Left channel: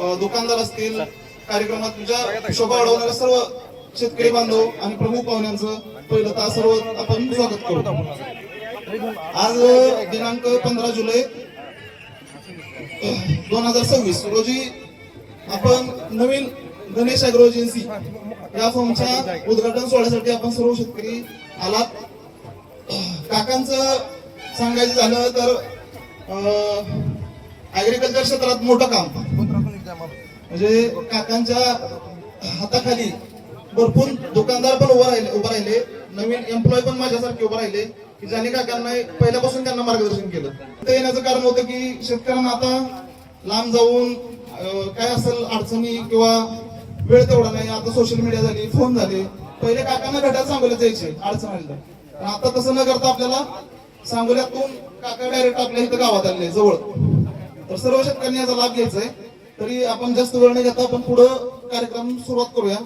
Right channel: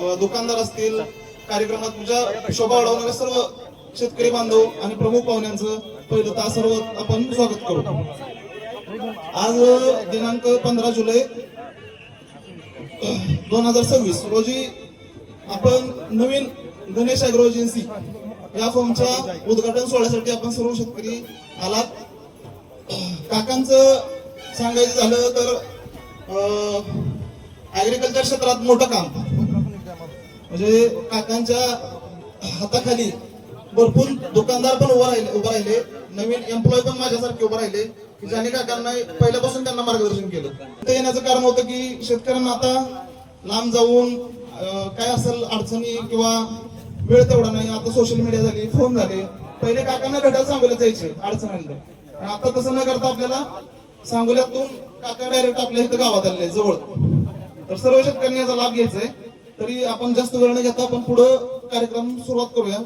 दुकानदार असतील, कार्यक्रमात तुमच्या शोभा वाढवणारे सर्व शेतकरी बांधव आणि प्रमुख पाहुण्यांचं पहिलं तर सर्व आपण स्वागत करू. आज दिनांक 15 जुलै 2026 रोजी आपण नवीन गणेश ॲग्रो एजन्सी या फर्मच्या उद्घाटन सोहळ्यासाठी आपण सर्व शेतकरी आलात. काकांचं सांगायचं झालं तर ऍग्रिकल्चर क्षेत्रात मोठं काम म्हणजे काकांच्या हाताखाली भरपूर दुकानदार पण उभं राहिले, नवीन एम्प्लॉय पण माझ्यासारखे उभं राहिले की ज्यांनी काकांना पहिल्यापासून त्यांना मार्गदर्शन केलं. ते येण्याचं कारण होतं की शेतकऱ्यांना आता लांब जाऊन काय असेल अडचणी किंवा वेळ तेवढा नाही. आता सोशल मीडिया झाली, फोन झाले. पहिले काकांना घटात सांगोल्यात जायचे अडचण आली तर, आता तसं न करता आपल्याला सांगोल्यातून काका डायरेक्ट आपल्या इथं गावात आले जवळ. तर सर्व शेतकऱ्यांनी याचा लाभ घ्यायचा आहे. तरी आपण जास्त वेळ न घेता आपण पुढे कार्यक्रम सुरुवात करूया.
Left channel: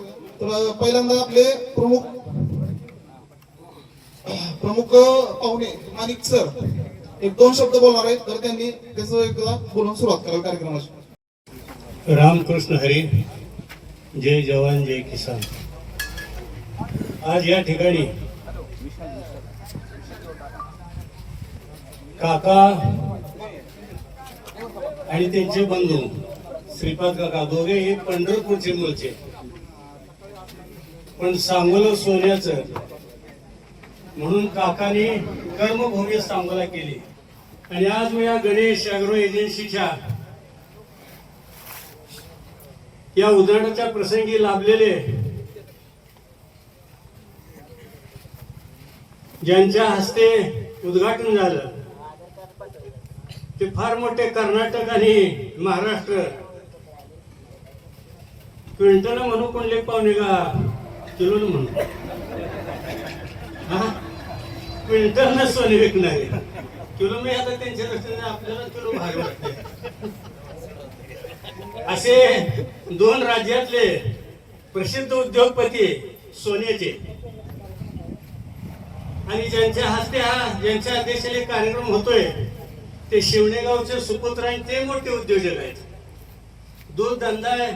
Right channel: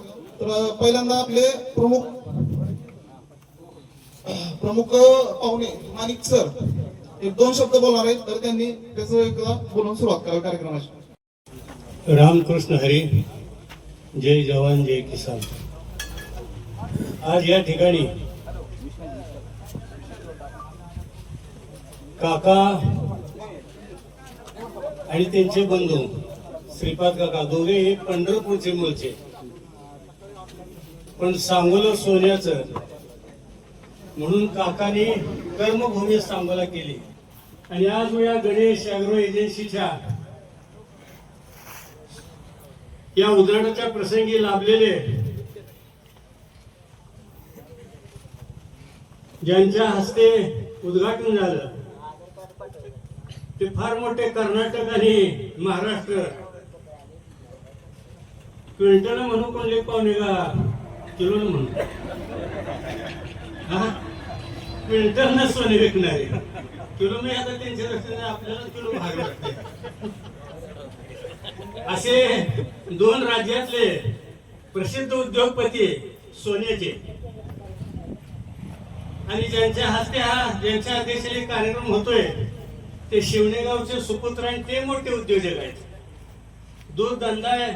तर पहिल्यांदा आपले प्रमुख पाहुणे माणिक सर एक 2 शब्द बोलणार आहेत, तर त्यांनी त्याचं एकदा बोलून सुरुवात कराल कार्यक्रमाची. रामकृष्ण हरी, जय जवान जय किसान. आज या ठिकाणी काका आणि त्यांचे बंधू श्रीपाद काका दोघे हे पंढरपूरचे मूळचे, पण सांगोला सोन्याचं म्हणून काकांनी कर्मभूमी सांगोला केली. आणि आज मी या गणेश ॲग्रो एजन्सीच्या या उद्घाटनाच्या प्रसंगी लाभलेले ज्यांच्या हस्ते उद्घाटन झालं ते फार मोठे कर्नाटक आणि महाराष्ट्र क्विंटल म्हणू कोणले पाहुणे का किलो म्हणून क्विंटल न सोने विकणारे किलो मी आता त्यांच्या दृष्टीने आपल्याला किलो भाग वाटते. असे 2 राज्यातले प्रसिद्ध उद्योगपती सोन्याचे आणि ज्यांच्या हस्ते ज्यांच्या अध्यक्षाने कार्यक्रम होतोय ते शिवणेगावचे सुपुत्र आणि ते मोठे उद्योजक आहेत. दूध धंदा आहे.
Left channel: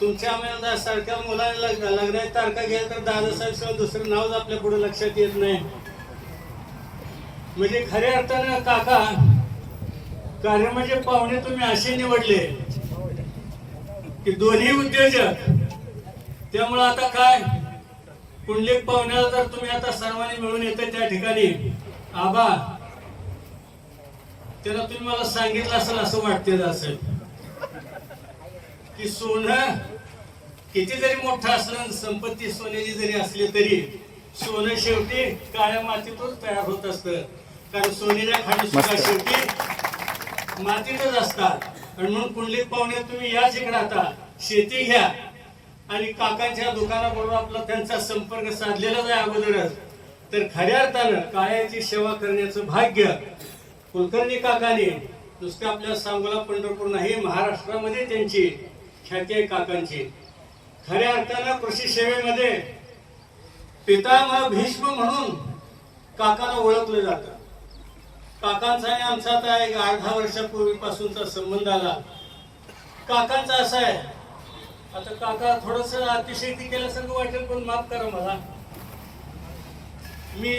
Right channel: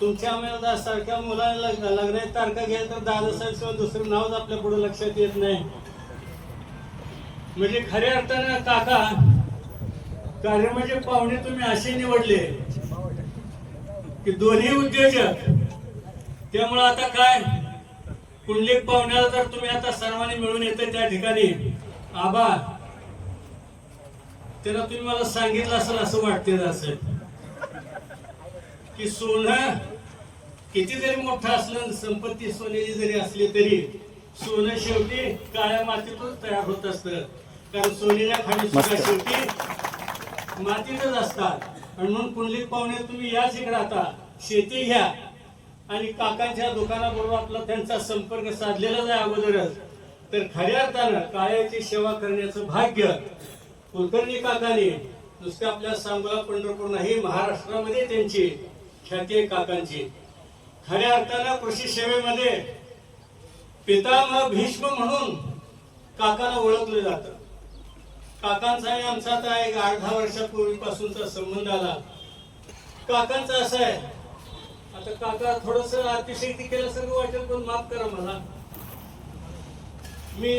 तुमच्या आम्हाला सारख्या मुलांना लग्नाची तारखा घ्यायला तर दादासाहेब दुसरं नावच आपल्या पुढे लक्षात येत नाही. म्हणजे खऱ्या अर्थानं काका कार्य म्हणजे पाहुणे तुम्ही असे निवडले की दोन्ही उद्योजक. त्यामुळे आता काय कुंडलिक पाहुण्याला जर तुम्ही आता सर्वांनी मिळून येते त्या ठिकाणी आबा त्याला तुम्ही मला सांगितलं असेल असं वाटते असेल की सोनं किती जरी मोठं असलं, संपत्ती सोन्याची जरी असली तरी सोनं शेवटी काळ्या मातीतूनच तयार होत असतं. कारण सोन्याच्या खाली सुद्धा शेवटी मातीतच असतात. आणि म्हणून कुंडलिक पाहुणे तुम्ही याच इकडे आता शेती घ्या आणि काकांच्या दुकानाबरोबर आपला त्यांचा संपर्क साधलेलाच आहे अगोदरच. तर खऱ्या अर्थानं काळ्याची सेवा करण्याचं भाग्य कुलकर्णी काकांनी नुसते आपल्या सांगोला पंढरपूर नाही महाराष्ट्रामध्ये त्यांची ख्याती आहे काकांची. खऱ्या अर्थानं कृषी सेवेमध्ये पितामह भीष्म म्हणून काकाला ओळखलं जातं. काकांचा आणि आमचा आता एक 8-10 वर्षापूर्वीपासूनचा संबंध आला. काकांचा असा आहे, आता काका थोडस अतिशयोक्ती केल्यासारखं वाटेल पण माफ करा मला. मी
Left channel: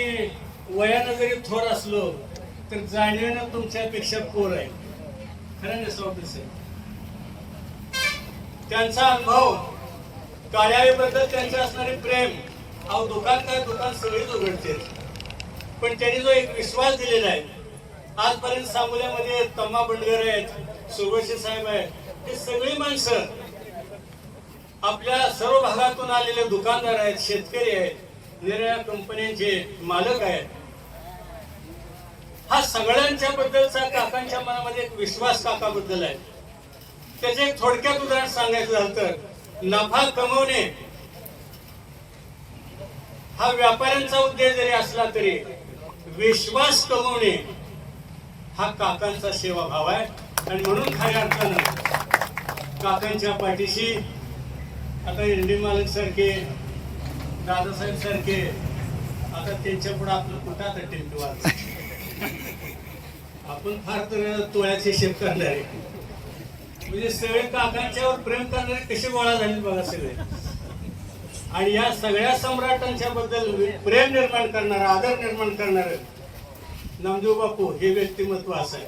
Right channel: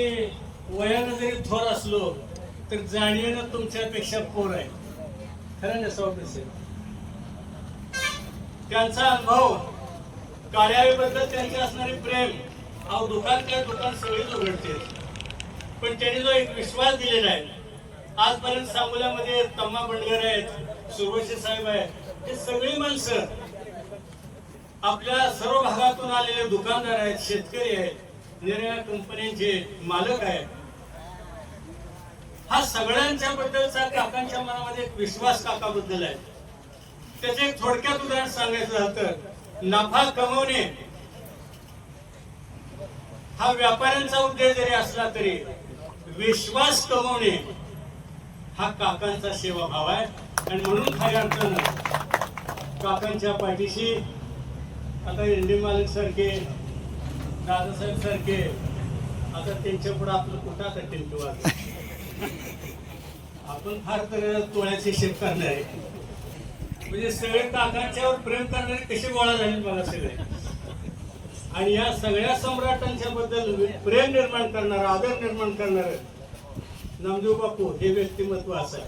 वयानं जरी थोर असलो तर जाणीवेनं तुमच्यापेक्षा पोर आहे. खरं ना सौकसे त्यांचा अनुभव कार्यालयाबद्दल त्यांचे असणारे प्रेम अहो दुकान काय दुकान सगळीच उघडते. पण त्यांनी जो एक विश्वास दिलेला आहे आजपर्यंत सांगोल्यामध्ये तम्मा बंडगर आहेत, सुरवशी साहेब आहेत, हे सगळी माणसं आपल्या सर्व भागातून आलेले दुकानदार आहेत, शेतकरी आहेत, निरनिराळ्या कंपन्यांचे मालक आहेत. हा सगळ्यांच्या बद्दलचा काकांच्या मनामध्ये एक विश्वास काकाबद्दल आहे. त्याचे एक थोडक्यात उदाहरण सांगायचं झालं तर नफा कमवणे हा व्यापाऱ्यांचा उद्देश जरी असला तरी विश्वास कमवणे हा काकांचा सेवाभाव आहे. आणि म्हणून खऱ्या अर्थानं काकांच्या पाठीशी आता एनडी मालक सारखे, दादासाहेब सारखे, आता त्यांच्या पुढे आपलं कुठं आता टेम्पो आपण फार तर तोळ्याचे शेत काढले आहे. म्हणजे सगळे काकांच्यावर प्रेम करणारे कसे गोळा झाले बघा सगळे. आणि या सगळ्या सम्राटांच्या बद्दल प्रेम निर्माण करणार, आदर निर्माण करणार नामदेव बापू हे व्यक्तिमत्व असं आहे.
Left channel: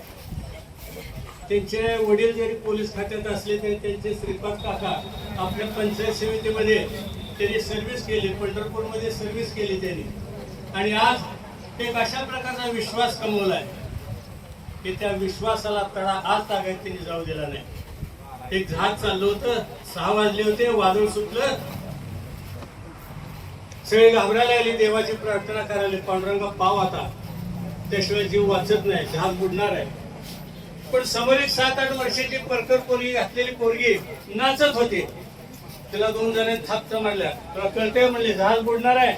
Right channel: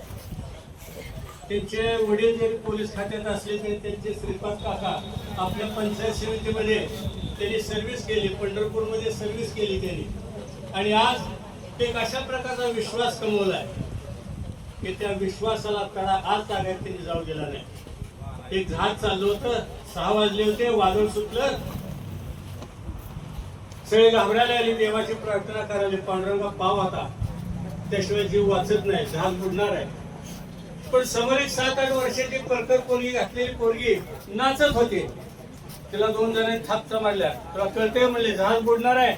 त्यांचे वडील जरी पोलीस खात्यात असले तरी त्यांचे श्रीपाद काका आपल्या पंचायत समितीमध्ये त्यांनी सर्व्हिस केली, पंढरपूरमध्ये सर्व्हिस केली त्यांनी. आणि आज एक अशा प्रकारचा विश्वास कमवलाय की त्या विश्वासाला तडा आज तागायत त्यांनी जाऊ दिला नाही. एक जहाज चाललं होतं, 6 वाजले होते, वादळ सुटलं, सगळे घाबरायला लागली, देवाची प्रार्थना करायला, पांडुरंगा पाव आता, त्याशिवाय जीव वाचत नाही, जहाज बुडणार आहे. पण समोर एक 7-8 वर्षाची परकर पोरगी घातलेली पोरगी नाचत होती. तिला 2 जणांनी थापचा मारल्या. तुला कळतंय म्हणले जहाज बुडणार आहे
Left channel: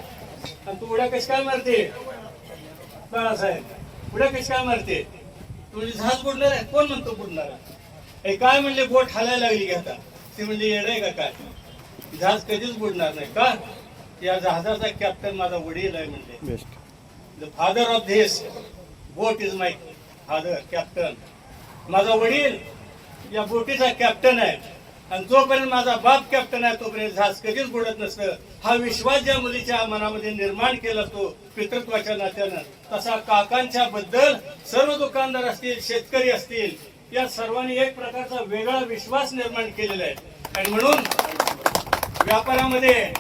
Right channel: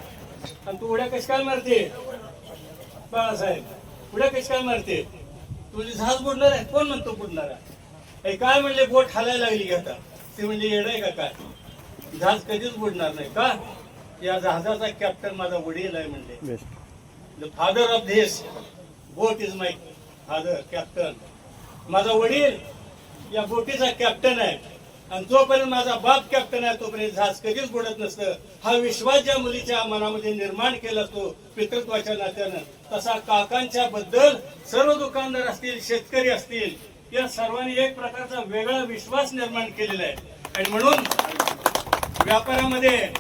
आणि तू उड्या कशी काय मारते बाळासाहेब, उड्या कशी काय मारते तू, म्हणजे जहाज बुडणार आहे. कोण म्हणतो बुडणार आहे? काय म्हणले बोट हालायला लागली घेता. ते म्हणजे येड आहे का काय, जहाज कधीच बुडणार नाही. का? या जहाजाचा कॅप्टन माझा वडील आहे म्हणले. The father of this boat is my father, captain. माझा वडील या बोटीचा कॅप्टन आहे आणि जोपर्यंत माझा बाप कॅप्टन आहे तोपर्यंत जहाज कधीच बुडत नसतं. हा विश्वास ज्या मुलीच्या मनामध्ये निर्माण केला असतो पितृत्वाच्या नात्यानं, तसा काकांच्या बद्दल सर्व दुकानदार असतील, शेतकरी असतील, या सर्वांनी एक प्रकारचा वेगळा विश्वास निर्माण केलेला आहे. आणि म्हणून व्यापारामध्ये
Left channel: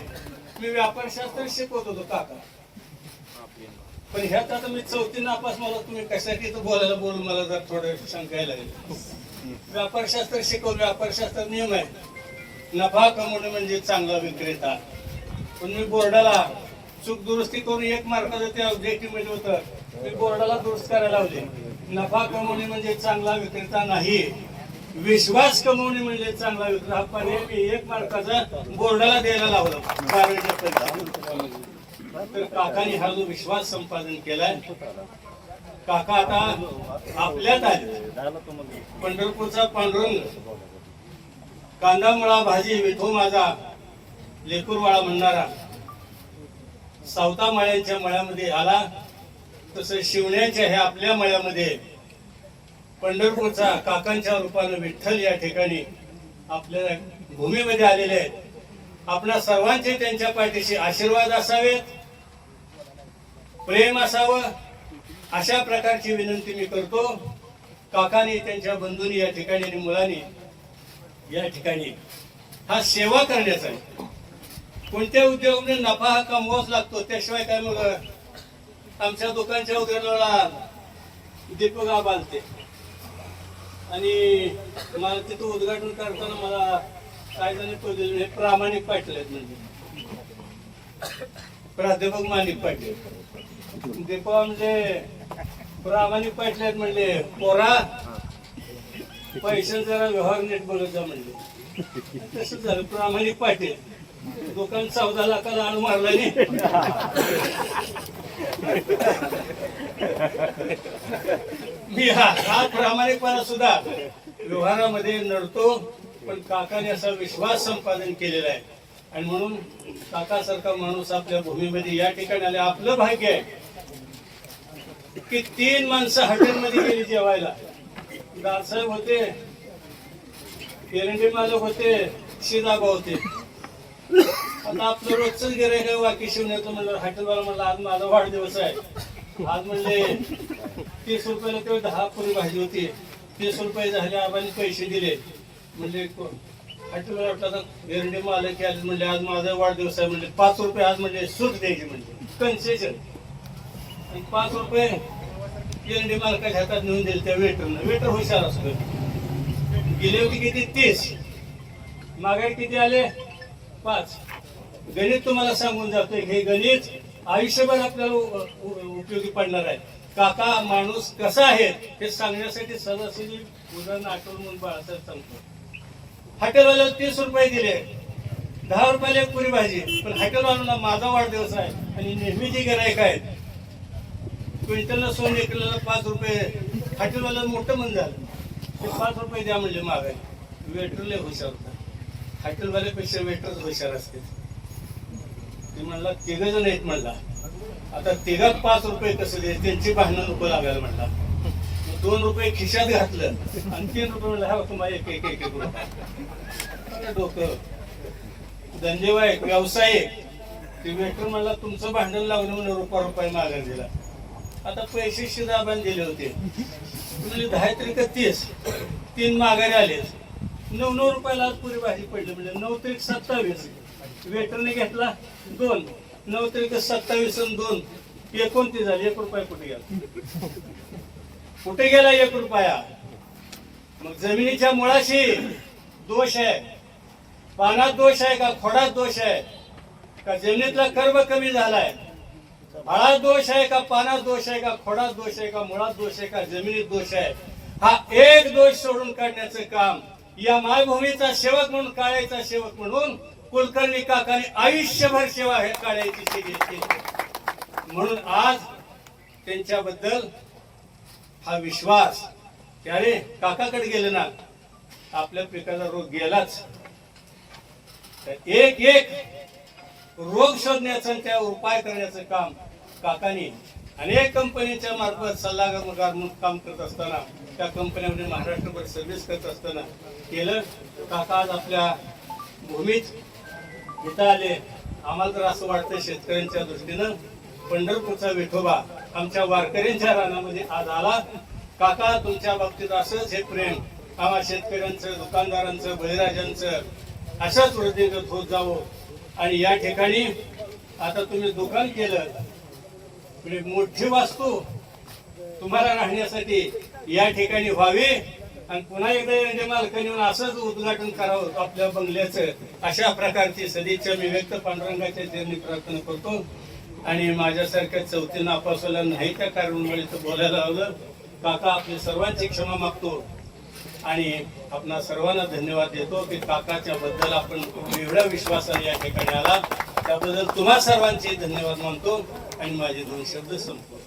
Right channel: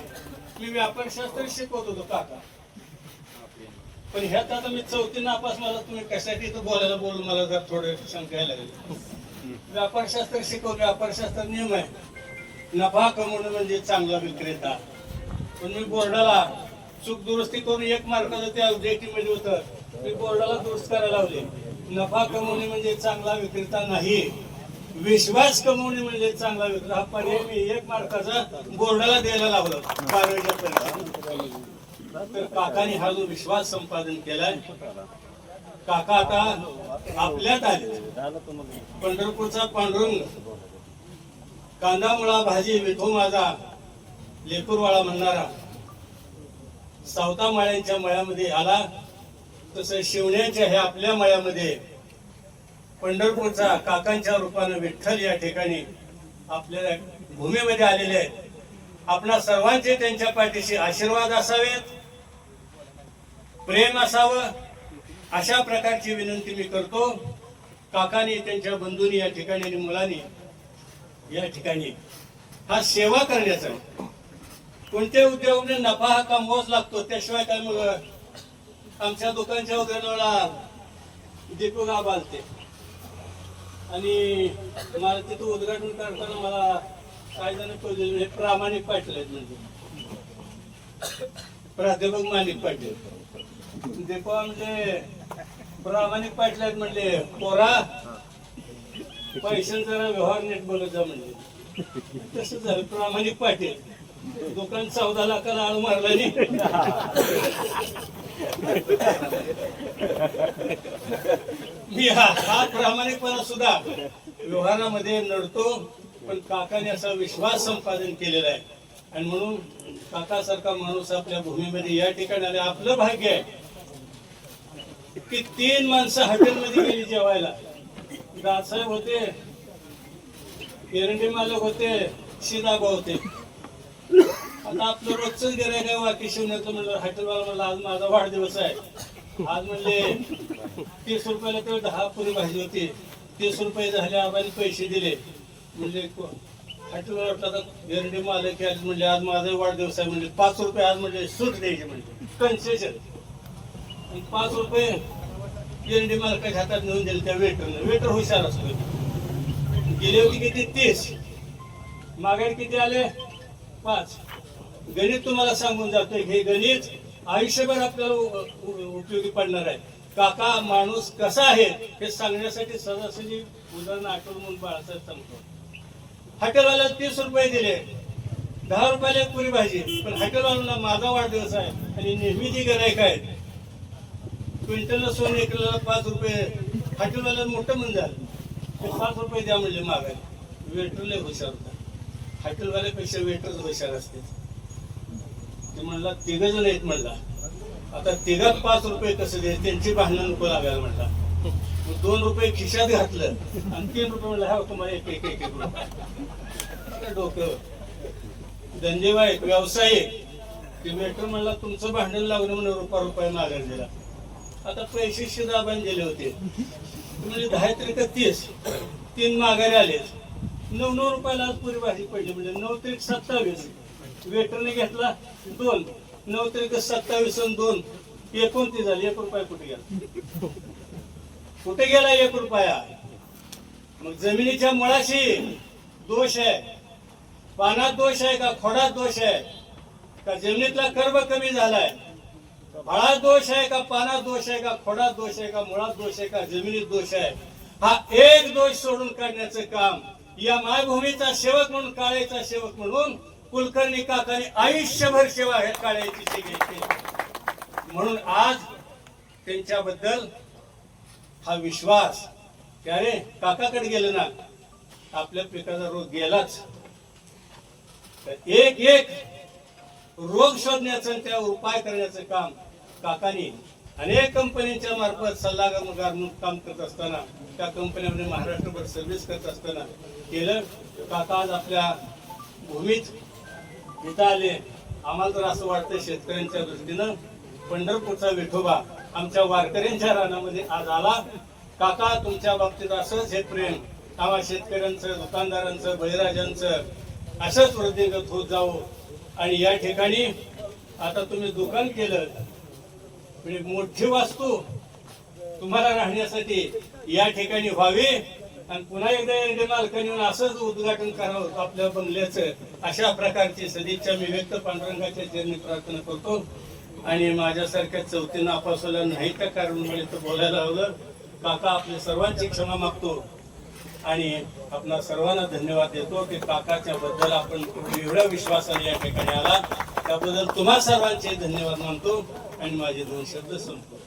मी व्यापारशास्त्र शिकवत होतो काका, पण ह्यात आता मी 4थी नापास, मला तुम्ही कशासाठी इथं बोलून मला जर थोडं शंका यायला लागली. व्यापारशास्त्र शिकवलं, व्यापारशास्त्र नियम आहे, नफा कमवणं म्हणजे चांगला विक्रेता. पण मी बोर्डाला चूक दुरुस्ती करून 1 मार्काचं त्या मध्ये होतं, मी बोर्डाला दुरुस्त करायला लावले. नफा कमवणे म्हणजे चांगला विक्रेता नाही, विश्वास कमवणे म्हणजे चांगला विक्रेता. हा पर्याय मी 1 मार्काचा बोर्डाला द्यायला लावला 12वीच्या परीक्षेत. तर काकाने हा जो विश्वास संपादन केलाय, काका आता आपल्यात आले. पंढरपूरचा पांडुरंग, कांदा मुळा भाजी विठो माझा लेकूरवाळा म्हणणारा, सावता मळ्यांच्या मळ्यामध्ये आला, तसं शिवण्याच्या ह्या आपल्या मळ्यामध्ये पंढरपूरचा काकांच्या रूपानं विठ्ठल या ठिकाणी आपल्या भूमीमध्ये आलेले आहेत. आपल्या सर्वांचे त्यांच्या पाठीशी आशीर्वाद असावेत, प्रेम असावं, अशा प्रकारची विनंती मी करतो. काकांनी, त्यांच्या बंधूंनी या ठिकाणी आणि मुलांनी या ठिकाणी हा सेवा करण्याचा आहे. कोणत्या उद्योगामध्ये नफा हा कमवावाच लागतो, त्याशिवाय काय. मग आमच्या दुकानच्या उद्योगाला दीपक आबालते आणि मला तिथं उद्घाटन करताना मला काय जणी हे प्रामाणिक पाटील आहेत, म्हणजे प्राध्यापक माणिक पाटील. दीपा म्हणजे प्रामाणिक पाटील आहेत म्हणले, पोरा पैशांचा जरा व्यवहार नीट बघत जा म्हणले. तसं झालं, प्रामाणिक पाटील दुकान 14 लाखाला आळ मारला नाही. मी हा प्रामाणिकपणा सुद्धा व्यवहारामध्ये नडतो, पण काकाने असा विश्वास संपादन केलेला आहे. आणि म्हणून काकासारखा माणूस आपल्या भूमीमध्ये या ठिकाणी आले. आपलं भाग्य आहे की 3 माणसं हॉटेलमध्ये गेली जेवायला. दासाहेब होते, एरंडी मालक होते, शिदाबा होते. आता आपलं रोजच गिऱ्हाईक आहे वाकी शिवण्याचं म्हणलं. हॉटेलवाला म्हणलं आज माझा वाढदिवस आहे, आज म्हणले 30 रुपयाला तेव्हा 10 पुरी भाजी होती, 30 रुपये झाले, आबांनी पैसे दिले. म्हणजे हॉटेलवाला वाटलं एरंडी मालक आज म्हणले आज माझा वाढदिवस आहे, म्हणजे 5 रुपये आज म्हणजे सूट द्यायची, म्हणजे कन्सेशन. आणि 5 रुपये एरंडी मालकाच्या हातात नेऊन दिले त्या वेटरनं. वेटर हुशार असतो. गेले होते किती 30, मागाई किती आले 5. गणित तुम्हाला सांगून जातोय, हे गणित आयुष्यभर आपल्याला उपयोगी पडणार आहे. काका माणूस कसा आहे हे सांगण्यासाठी सदाशिवी उदाहरण आठवण म्हणून बाळासाहेब सांगतो. हॉटेलवाल्याला 30 रुपये दिले, 10 रुपयाला एक पुरी भाजी. पण हॉटेलवाल्याला माझा वाढदिवस आहे आणि नेहमीची गिऱ्हाईक आहेत, क्विंटलला सोन एकला 5 रुपये. हॉटेलवाल्याला मोठं मन झालं, ते 5 रुपये द्या म्हणले मागाय. वेटरला हुशार होता, हॉटेलवाल्यापेक्षा वेटरच हुशार असते. ते म्हणला 3 जण आहेत म्हणला, आता 3 5 रुपये कसं दे, त्यांची भांडणं नको लागायला म्हणला. मग ₹2 खिशात घातलं आणि ₹3 म्हणलं हा तुम्हाला एक रुपये. डोकं धंदेवाईक व्यावसायिक ते वेटर म्हणला तुमचं भांडण लावलं म्हणून ₹1 माघार दिला. आता पैसे शिदाबान दिले होते म्हणजे 10 तरी 30 3 माघारी आले. 9 रुपयाला आज पुरी भाजी पडली म्हणजे 9 तरी 27. वेटरने घेतला 2, 9 तरी 27 आणि 2 29 झाले. ₹1 कुठे गेला? कुठे गेला ₹1? मग जमिनीच्या मुळाशी दोष आहे, पानात दोष आहे का खोडात दोष आहे का जमिनीतला कर्ब कमी झालाय? फळात दोष आहे का पानात दोष आहे का खोडात दोष आहे का मुळात दोष आहे का जमिनीत दोष आहे? हा एक दोष सोडून काढण्याचं काम या मायभूमीचा सेवक म्हणून, काळ्याचा सेवक म्हणून कुलकर्णी काकांनी आयुष्यभर सेवा हे काळ्याची केली. म्हणून आज त्यांच्याबद्दल हा विश्वास की अरे काकाकडे गेलं ना आपल्या पिकाचा रोग गेलाच. तर एक रोग शोधण्याचं आणि त्यावर उपाय करण्याचं काम काकांनी अनेक कंपनीच्या मार्फत सल्लागार म्हणून काम करत असताना, त्या कंपन्यांमध्ये महाराष्ट्रभर सर्व्हिस करत असताना केलं. काका आज आपल्या भूमीत इथं आले. आम्हाला तर असं वाटतं शेतकऱ्यांच्या दृष्टीनं पंढरपूरचा विठोबा आमच्या वारकऱ्यांच्या रानामध्ये आज आला. काका तुमच्या बाबतीत असंच हे प्रेम आम्हा शेतकऱ्यांचं, दुकानदारांचं, बळीराजांचं असंच वृद्धिंगत होत जावं. आणि या ठिकाणी आता तुम्ही दुकान केलं म्हणजे मोठी वास्तू तुम्हाला राहण्यासाठी या ठिकाणी व्हावी आणि पुन्हा एकदा एरंडे मालकांनी येऊन असंच उद्घाटन करावं आपल्या बंगल्याचं. अशा प्रकारची सदिच्छा मी व्यक्त पांडुरंगाच्या चरणी प्रार्थना करतो. आणि माझ्यासारख्या चौथी नापासवाल्या नाही त्या कारणामुळे तर बोलायला लावलं. काका आपल्या सर्वांची क्षमा मागतो आणि आपणा सर्वांना धन्यवाद देतो की काकाच्या बद्दल आपण एवढ्या विश्वासाने या ठिकाणी आला त्याबद्दल तुम्हा सर्वांचे धन्यवाद मानतो आणि माझे 2 शब्द संपतो.